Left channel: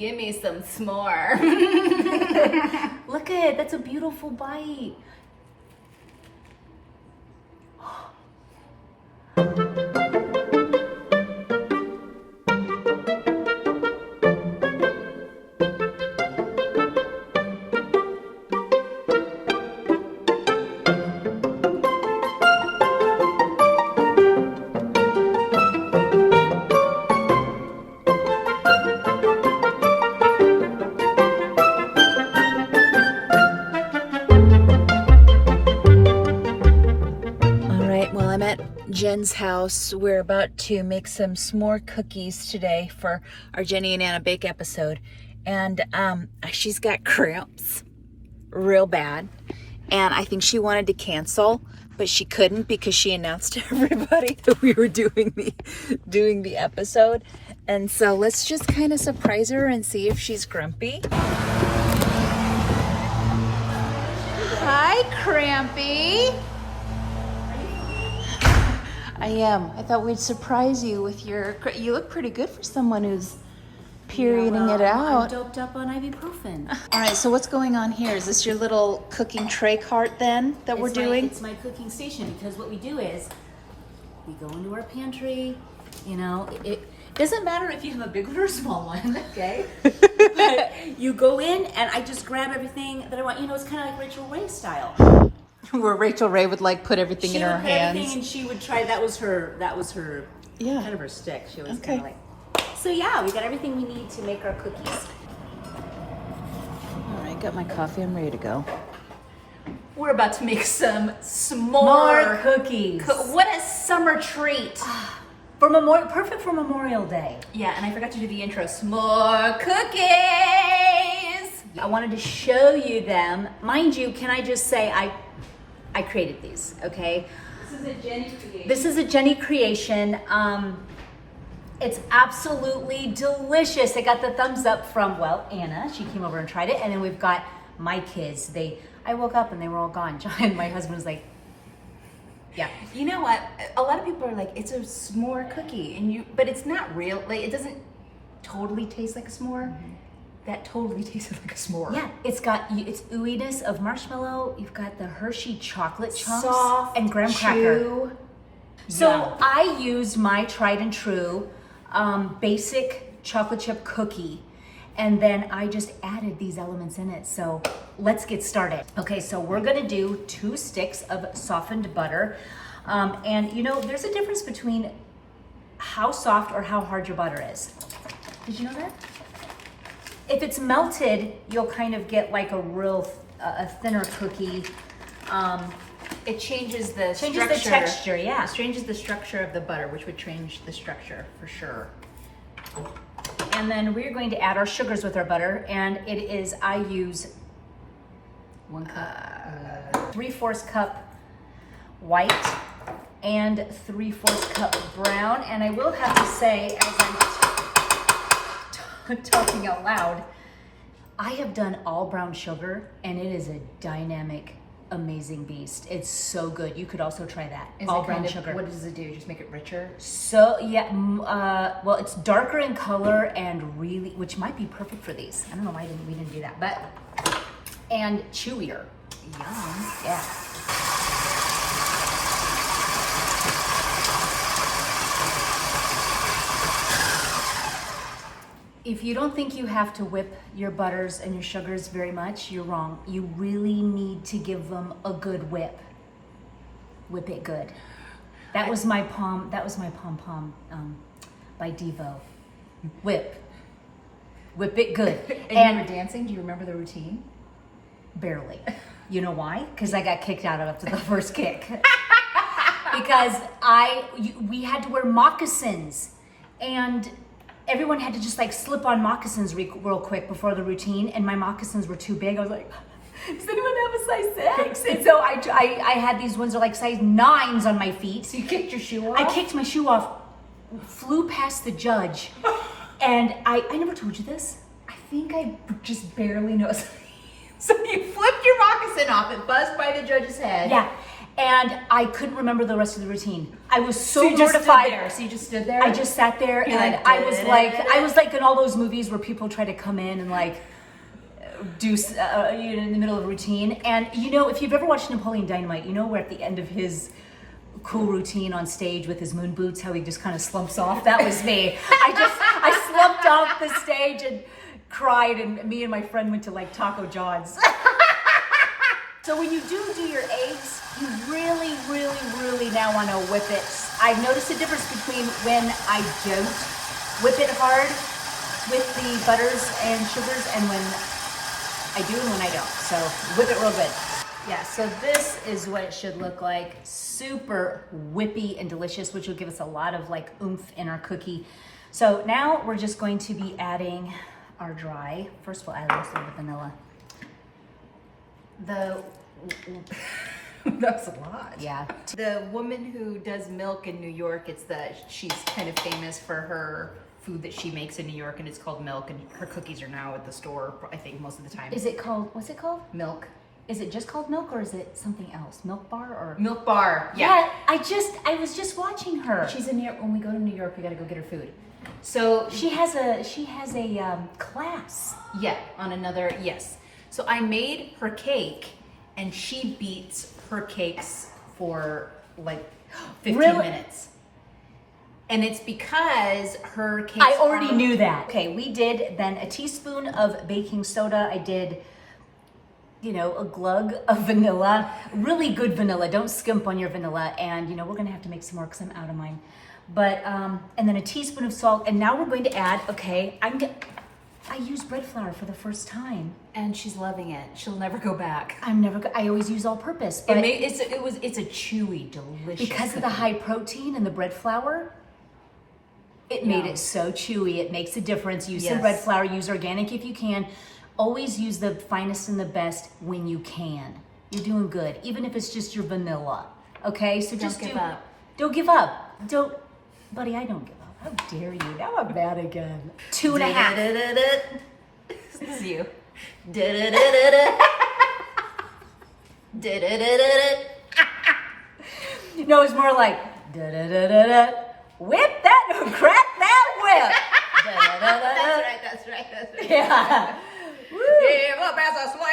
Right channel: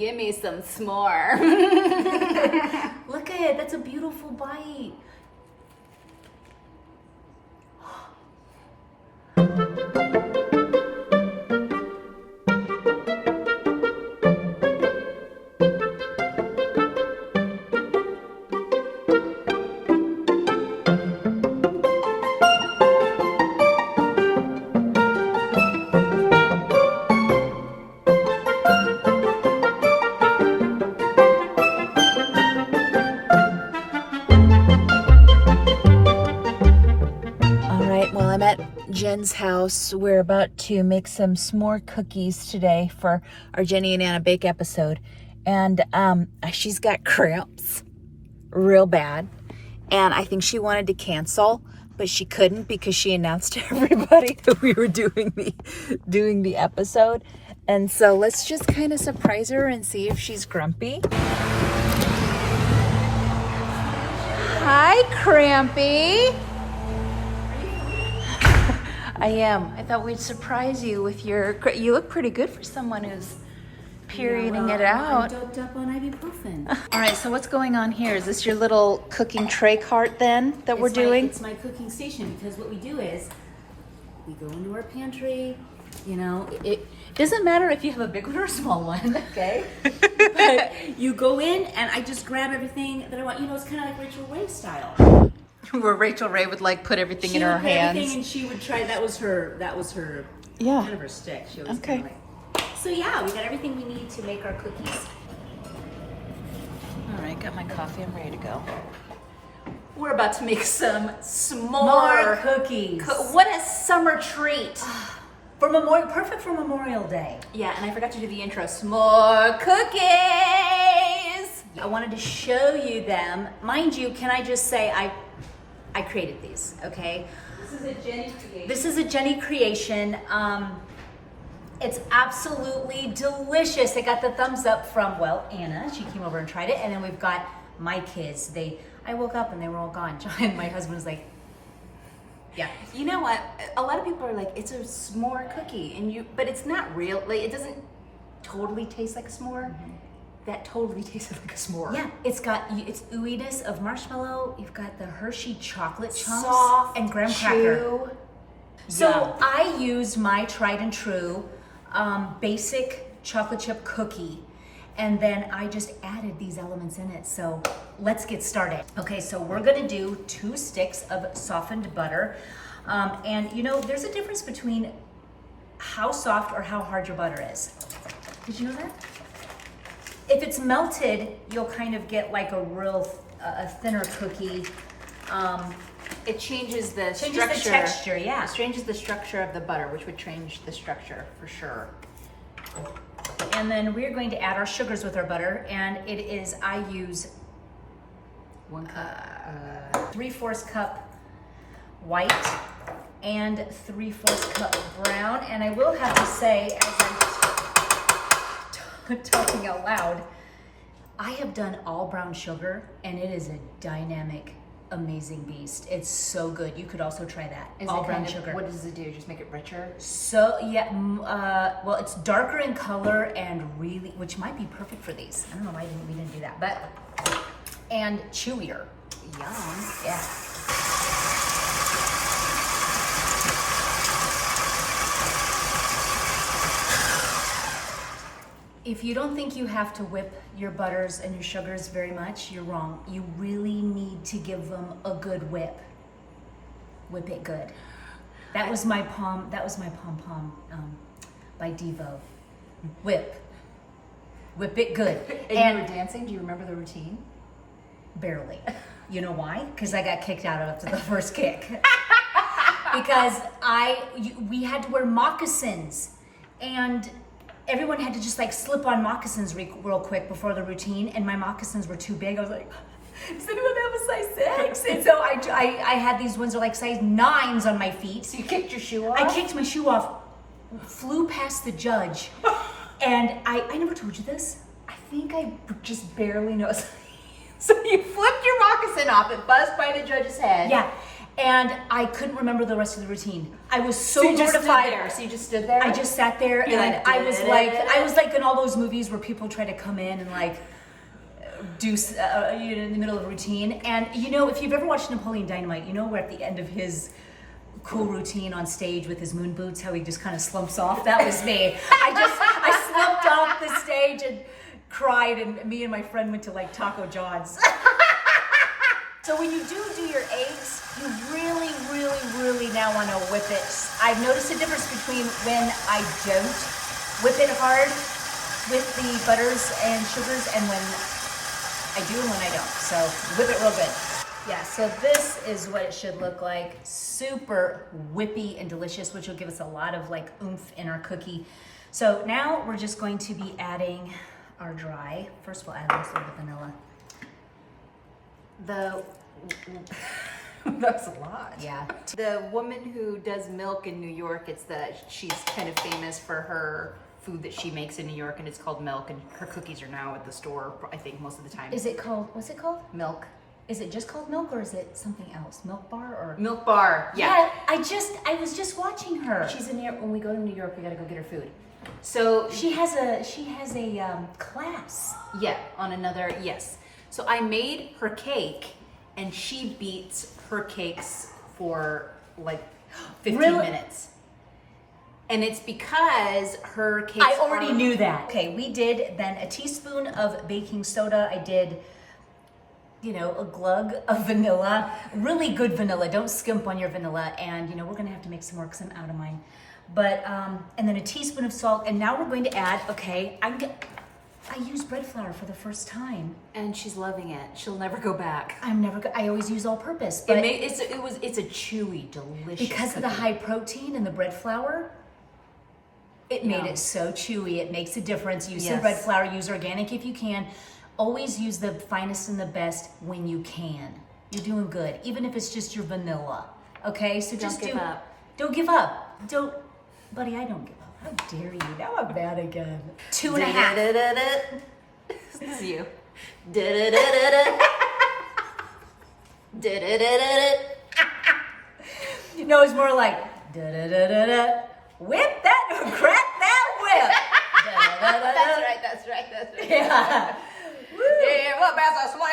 Give me some s'more. Look at it, that's a beautiful bite. Jen's house. We're about to make some s'more cookies today for our Jenny and Anna Bake episode. And she's got cramps real bad. And I think she wanted to cancel, but she couldn't because she announced to everybody that we were doing the episode. And so let's just kind of surprise her and see if she's grumpy. Hi, Crampy. I am. I thought we'd surprise you with your... You look pretty good for someone who's perioding it out. I'm doped up on ibuprofen. All right, so what's going on here? Is this your little cooking tray cart then that we're doing? It's my cooking station, because what we do is we go into our pantry, you know, it doesn't matter if you have a big one or a small one, okay? But you go in and I just grab everything that I want. You know, it's kind of like Rachel Ray style. Where Rachel Ray would like put everything in her hands. Everything, and she would try. That was her. Yeah. Kind of her stick. She was okay. Like, so yeah, we got everything we need to make our cookies. All right, got my coffee and ready to go. We're about to make some s'more cookies. What a summer treat! Perfect for Memorial Day. Yeah, and I forgot to do the intro. Smore Cookies. I wanted to show you them. Mind you, can I just say I created these, okay? This is a Jenny creation. This is a Jenny creation. It's absolutely delicious. It got the thumbs up from, well, Anna. She came over and tried it. And then we've got my kids. I woke up and they were all gone. John and my husband was like, yeah. You know what? A lot of people are like, it's a s'more cookie, but it's not real. Like, it doesn't totally taste like a s'more. Mm-hmm. That totally tasted like a s'more. Yeah, it's ooiness of marshmallow. You've got the Hershey chocolate chunks soft, and graham cracker. So I used my tried and true basic chocolate chip cookie, and then I just added these elements in it. So let's get started. Okay, so we're gonna do 2 sticks of softened butter. And you know, there's a difference between how soft or how hard your butter is. Did you know that? If it's melted, you'll kind of get like a thinner cookie. It changes the texture, yeah. It changes the structure of the butter, which would change the structure for sure. And then we're going to add our sugars with our butter, and I use 1 cup, 3/4 cup white and 3/4 cup brown. And I will have to say, as I'm talking out loud, I have done all brown sugar, and it is a dynamic, amazing beast. It's so good. You could also try that. All brown sugar. What does it do? Just make it richer? So yeah, well, it's darker in color and really, which might be perfect for these. I don't know why we didn't do that, but and chewier. Yum. Yeah. If you don't think you have to whip your butters and your sugars very much, you're wrong. You really need to give them a good whip. Whip it good. That was my pom by Devo. Whip it good. And you were dancing? Do you remember the routine? Barely. You know why? Because I got kicked out after the first kick. Because we had to wear moccasins, and everyone had to just like slip on moccasins real quick before the routine, and my moccasins were too big. I was like, does anyone have a size 6? And so I had these ones that are like size 9s on my feet. So you kicked your shoe off? I kicked my shoe off, flew past the judge, and I never told you this. I think I just barely know. So you flipped your moccasin off, it buzzed by the judge's head. Yeah. And I couldn't remember the rest of the routine. I was so you just stood mortified. there. So you just stood there? I just sat there and I was like in all those movies where people try to come in and like do in the middle of a routine. And if you've ever watched Napoleon Dynamite, we're at the end of his cool routine on stage with his moon boots, how he just kind of slumps off. That was me. I slumped off the stage and cried, and me and my friend went to like Taco John's. So when you do your eggs, you really, really, really now want to whip it. I've noticed a difference between when I don't whip it hard with the butters and sugars and when I do and when I don't. So whip it real good. Yeah, so this is what it should look like. Super whippy and delicious, which will give us a lot of like oomph in our cookie. So now we're just going to be adding our dry. First we'll add a little bit of vanilla. That's a lot. Yeah. The woman who does milk in New York, she's kind of famous for her food that she makes in New York, and it's called Milk, and her cookies are now at the store, I think, most of the time. What's it called? Milk. Is it just called Milk or is it something else? Milk Bar or? Milk Bar, yeah. I was just watching her. She's in New York. When we go to New York, we gotta go get her food. So she has a class. Yeah, on another, yes. So I made her cake, and she beats her cakes for like 15 minutes. And it's because her cakes I already knew that. Okay, we did then a teaspoon of baking soda. I did, a glug of vanilla, really good vanilla. Don't skimp on your vanilla. And, we're going to have to make some more because I'm out of mine. But, and then a teaspoon of salt. And now we're going to add, I used bread flour for the first time. And she's loving it. She'll never go back. I always use all purpose. But it's a chewy, delicious because of the high protein in the bread flour, it made it so chewy. It makes a difference. Use some bread flour. Use organic if you can. Always use the finest and the best when you can. You're doing good, even if it's just your vanilla. Okay, so Don't give up. Don't give up. Buddy, I don't give up. How dare you? Now I'm mad again. 2.5. This is you. No, it's more like whip that, crack that whip. That's right. Yeah. Woo. Yeah, what about the smell?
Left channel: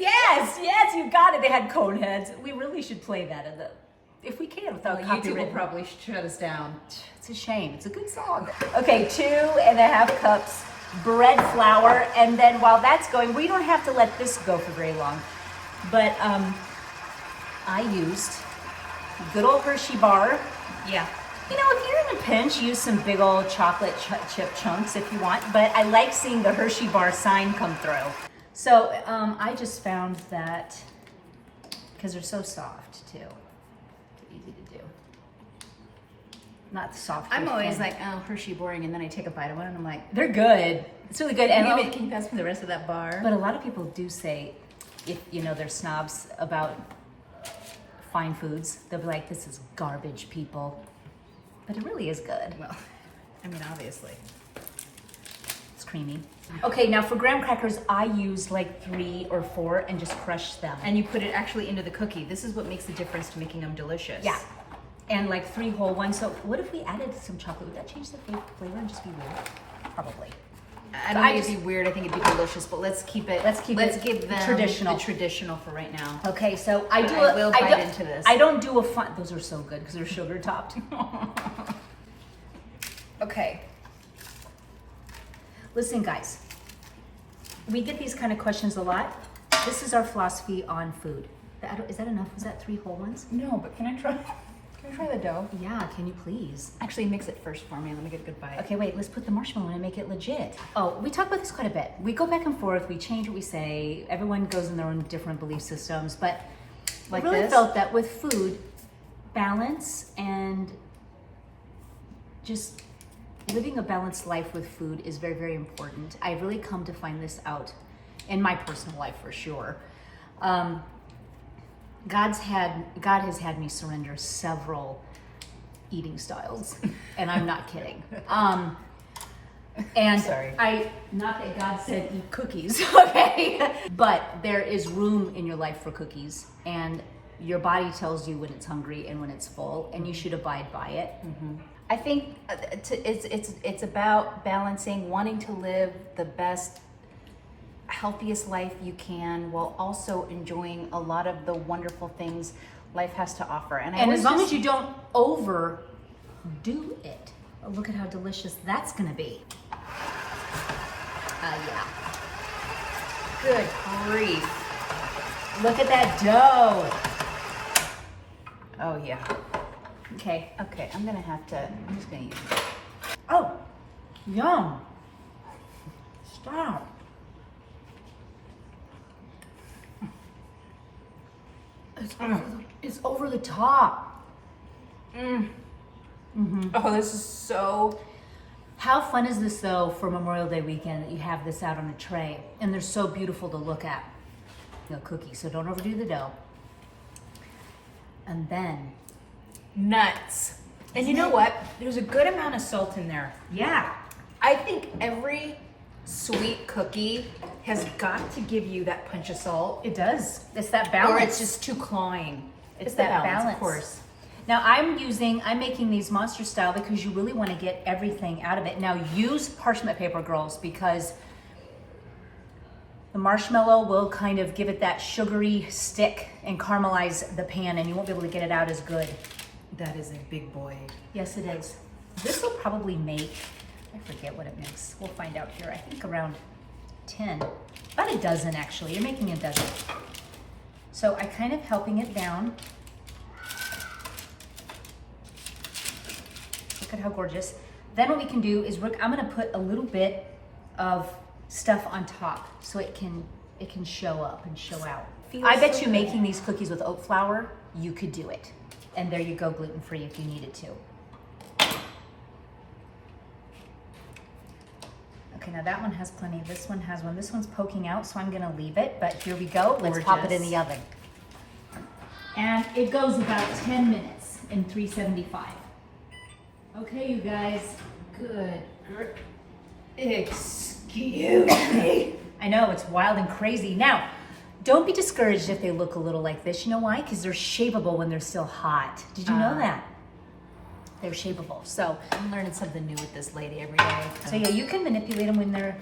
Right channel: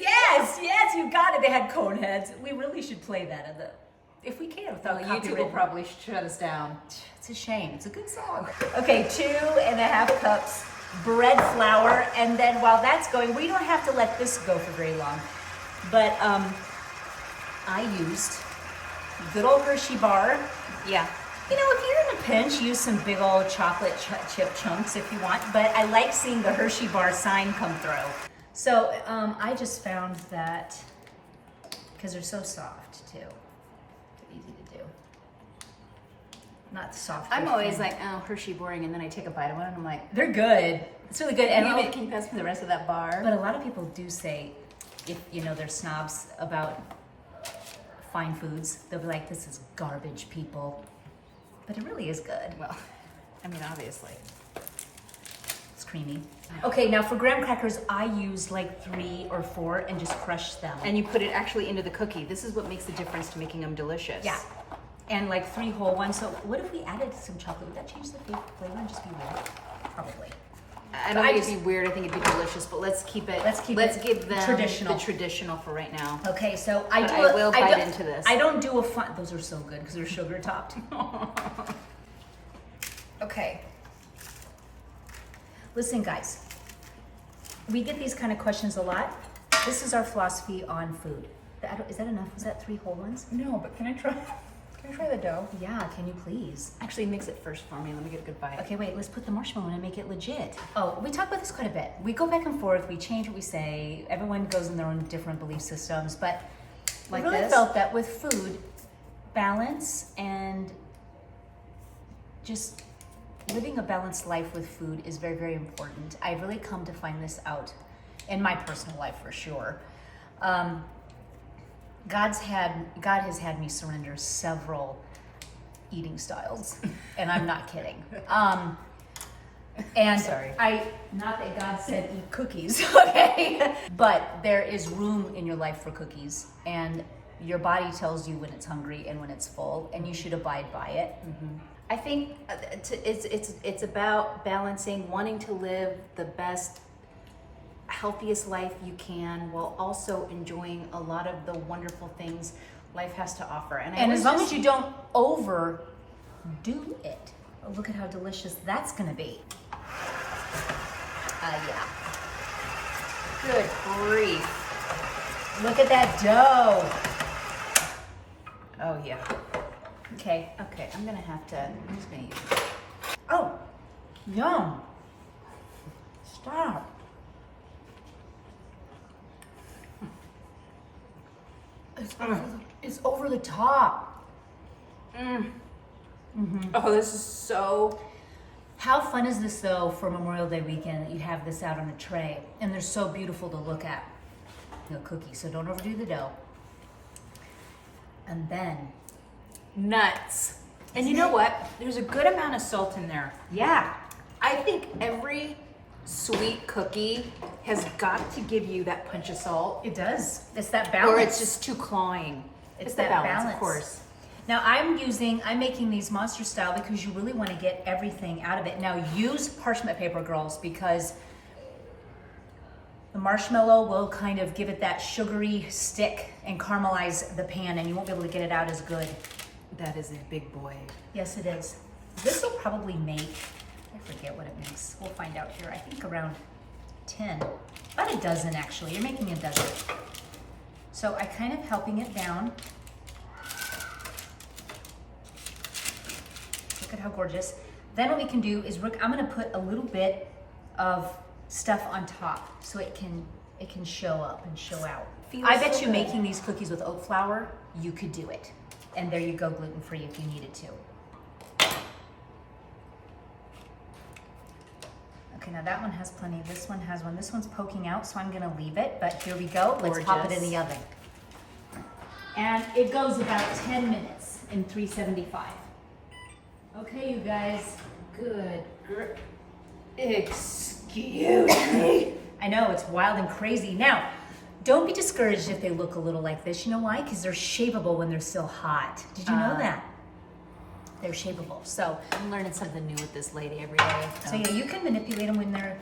Yes, you got it. They had cone heads. We really should play that if we can without YouTube copyright. will probably shut us down. It's a shame. It's a good song. Okay, 2.5 cups bread flour, and then while that's going, we don't have to let this go for very long. But I used good old Hershey bar. Yeah. If you're in a pinch, use some big old chocolate chip chunks if you want, but I like seeing the Hershey bar sign come through. So I just found that, because they're so soft too, they're easy to do. Not soft. I'm always like, oh, Hershey boring, and then I take a bite of one, and I'm like, they're good. It's really good. And can you pass me the rest of that bar? But a lot of people do say, if they're snobs about fine foods, they'll be like, this is garbage, people. But it really is good. Well, obviously. It's creamy. Okay, now for graham crackers, I use like 3 or 4 and just crush them. And you put it actually into the cookie. This is what makes the difference to making them delicious. Yeah. And like 3 whole ones. So what if we added some chocolate? Would that change the flavor and just be weird? Probably. I don't think it'd be weird. I think it'd be delicious. But let's give them traditional. The traditional for right now. Okay, so I don't do a fun. Those are so good because they're sugar topped. Okay. Listen, guys. We get these kind of questions a lot. This is our philosophy on food. Is that enough? Was that 3 whole ones? No, but can I try? Try the dough. Yeah, can you please? Actually, mix it first for me. Let me get a good bite. Okay, wait, let's put the marshmallow in and make it legit. Oh, we talk about this quite a bit. We go back and forth, we change what we say. Everyone goes in their own different belief systems, but I really felt that with food, balance and just living a balanced life with food is very, very important. I've really come to find this out in my personal life for sure. God has had me surrender several eating styles, and I'm not kidding. And sorry. Not that God said eat cookies, okay? But there is room in your life for cookies, and your body tells you when it's hungry and when it's full, and you should abide by it. I think it's about balancing wanting to live the best, healthiest life you can while also enjoying a lot of the wonderful things life has to offer. And as long as you don't overdo it. Oh, look at how delicious that's gonna be. Yeah. Good grief. Look at that dough. Oh yeah. Okay. Okay, I'm just gonna use it. Oh, yum. Stop. It's over the top. Oh, this is so... How fun is this though for Memorial Day weekend that you have this out on a tray and they're so beautiful to look at. The cookies, so don't overdo the dough. And then nuts. And you know what? There's a good amount of salt in there. yeah, I think every sweet cookie has got to give you that punch of salt. it does. It's that balance. Or it's just too clawing. It's the that balance. of course. Now I'm making these monster style because you really want to get everything out of it. Now use parchment paper, girls, because the marshmallow will kind of give it that sugary stick and caramelize the pan, and you won't be able to get it out as good. That is a big boy. Yes, it is. This will probably make, I forget what it makes. We'll find out here. I think around 10, about a dozen actually. You're making a dozen. So I kind of helping it down. Look at how gorgeous. Then what we can do is I'm gonna put a little bit of stuff on top so it can show up and show out. I bet you making these cookies with oat flour, you could do it. And there you go, gluten-free if you needed to. Okay, now that one has plenty. This one has one. This one's poking out, so I'm gonna leave it, but here we go. Let's pop it in the oven. And it goes about 10 minutes in 375. Okay, you guys. Good. Excuse me. I know, it's wild and crazy. Now, don't be discouraged if they look a little like this. You know why? Because they're shapeable when they're still hot. Did you know that? They're shapeable. So I'm learning something new with this lady every day. So yeah, you can manipulate them when they're...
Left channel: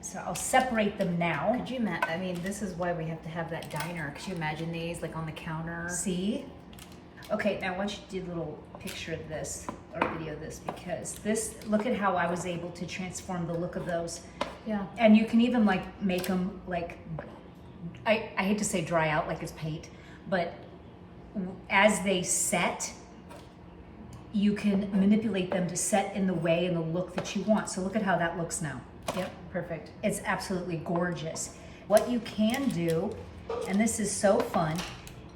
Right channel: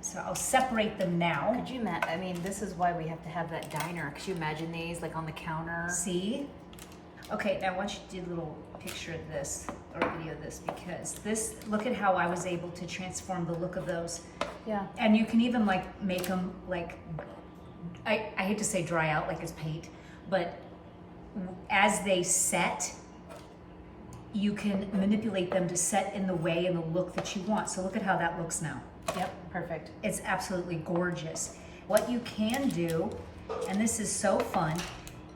So I'll separate them now. Could you imagine? I mean, this is why we have to have that diner. Could you imagine these like on the counter? See? Okay, now I want you to do a little picture of this or video of this, because this, look at how I was able to transform the look of those. Yeah. And you can even like make them like, I hate to say dry out like it's paint, but as they set, you can manipulate them to set in the way and the look that you want. So look at how that looks now. Yep, perfect. It's absolutely gorgeous. What you can do, and this is so fun,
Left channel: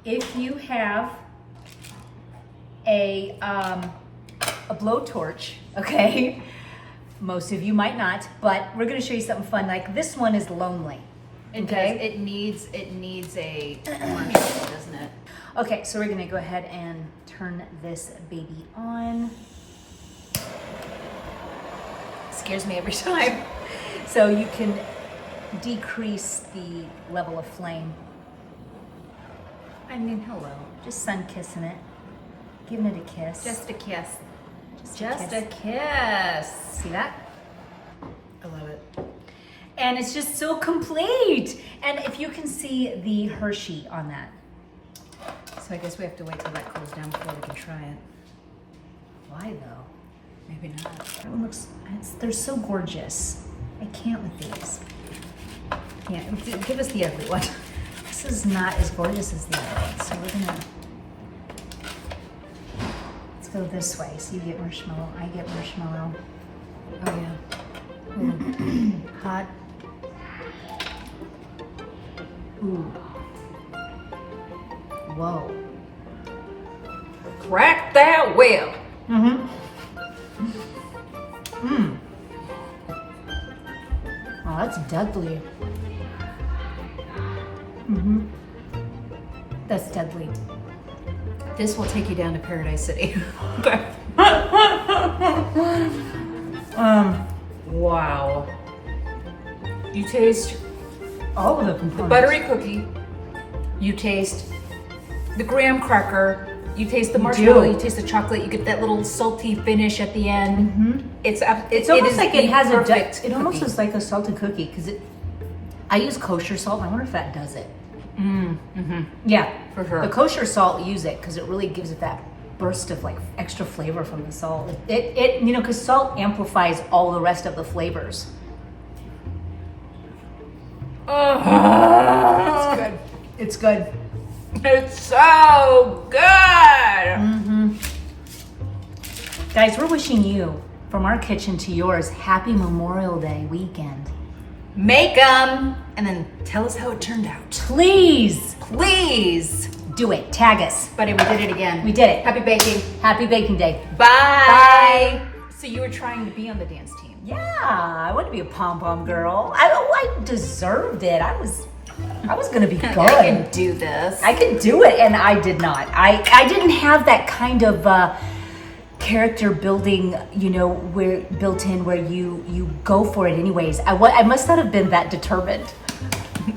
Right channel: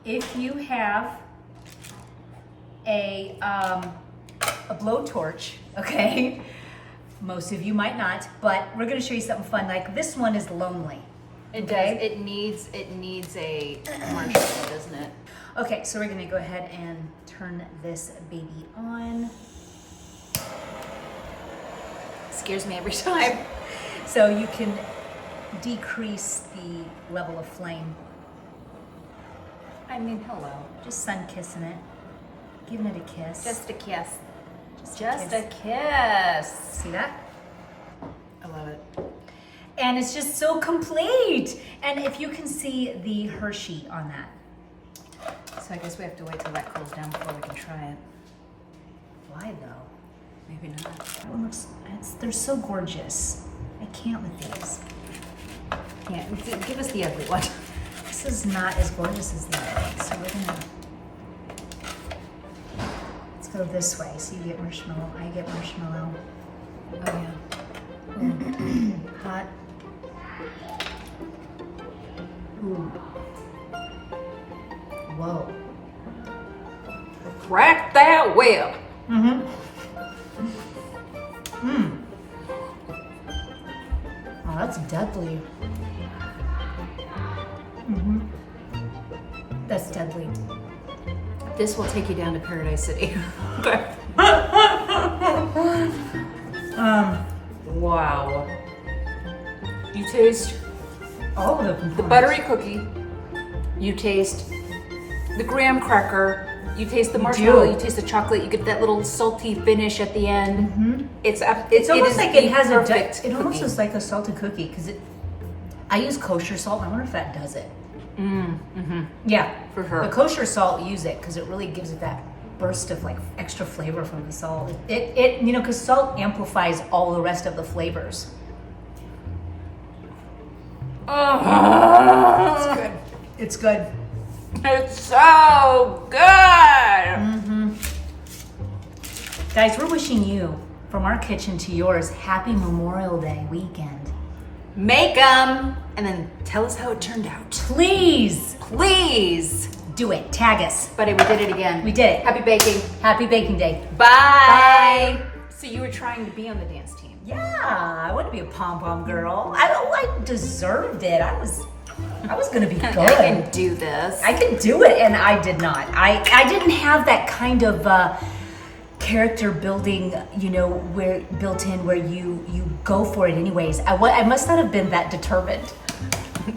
if you have a blowtorch, okay? Most of you might not, but we're gonna show you something fun. Like this one is lonely. It okay? does. It needs a marshmallow, doesn't it? Okay, so we're gonna go ahead and turn this baby on. Scares me every time. So you can decrease the level of flame. I mean, hello, just sun kissing it, giving it a kiss. Just a kiss. Just a kiss. See that? I love it. And it's just so complete. And if you can see the Hershey on that. So I guess we have to wait till that cools down before we can try it. Why though? Maybe not. That one looks, they're so gorgeous. I can't with these. Yeah, give us the ugly one. This is not as gorgeous as the other one. So we're gonna, let's go this way. So you get marshmallow, I get marshmallow. Oh yeah. Ooh. Hot. Ooh. Whoa. Crack that whip. Mm-hmm. Mmm. Oh, that's deadly. Mm-hmm. That's deadly. This will take you down to Paradise City. Wow. You taste all of the components. the buttery cookie, You taste the graham cracker. You taste the marshmallow. You taste the chocolate. You get that little salty finish at the end. Mm-hmm. It's almost like it has it almost is like a salted cookie because I use kosher salt. And I wonder if that does it. Yeah, for sure. The kosher salt, use it because it really gives it that burst of like extra flavor from the salt. It because salt amplifies all the rest of the flavors. Oh, It's good. It's good. It's so good. Guys, we're wishing you, from our kitchen to yours, happy Memorial Day weekend. Make them and then tell us how it turned out. Please Do it. Tag us. Buddy, we did it again. We did it. Happy baking. Happy baking day. Bye. So you were trying to be on the dance team. Yeah, I wanted to be a pom-pom girl. I deserved it. I was gonna be good. I can do this. I could do it, and I did not. I didn't have that kind of character building, where built in where you go for it anyways. I must not have been that determined.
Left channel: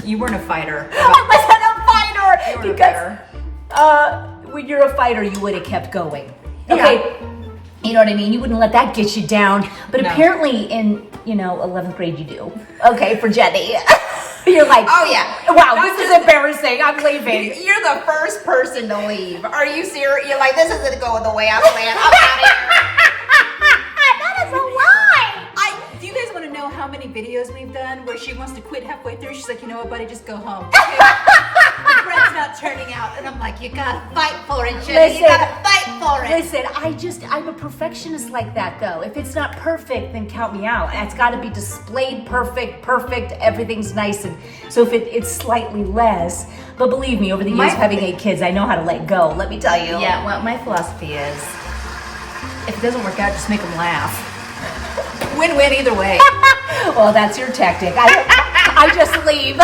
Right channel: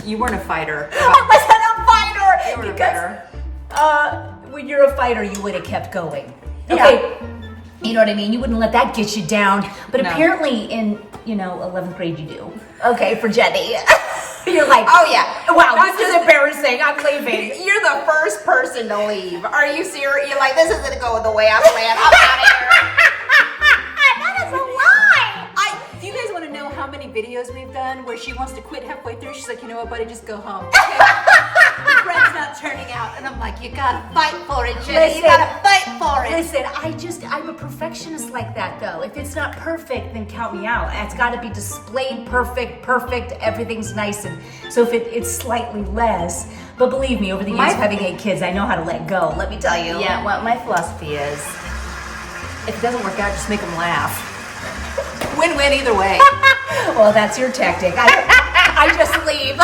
You weren't a fighter. I wasn't a fighter. You weren't Because a fighter. when you're a fighter, you would have kept going. Yeah. Okay. You know what I mean? You wouldn't let that get you down. But No. apparently in, 11th grade you do. Okay, for Jenny. You're like, Oh, yeah. Wow, this is embarrassing. I'm leaving. You're the first person to leave. Are you serious? You're like, this isn't going the way I planned. I'm out of here. That is a lie. Do you guys want to know how many videos we've done where she wants to quit halfway through? She's like, you know what, buddy, just go home. The bread's not turning out. And I'm like, you gotta fight for it, Jenny. You gotta fight for it. Listen, I'm a perfectionist like that though. If it's not perfect, then count me out. It's got to be displayed perfect, everything's nice. And so if it's slightly less, but believe me, over the years of having 8 kids, I know how to let go. Let me tell you. Yeah, well, my philosophy is, if it doesn't work out, just make them laugh. Win-win either way. Well, that's your tactic. I just leave.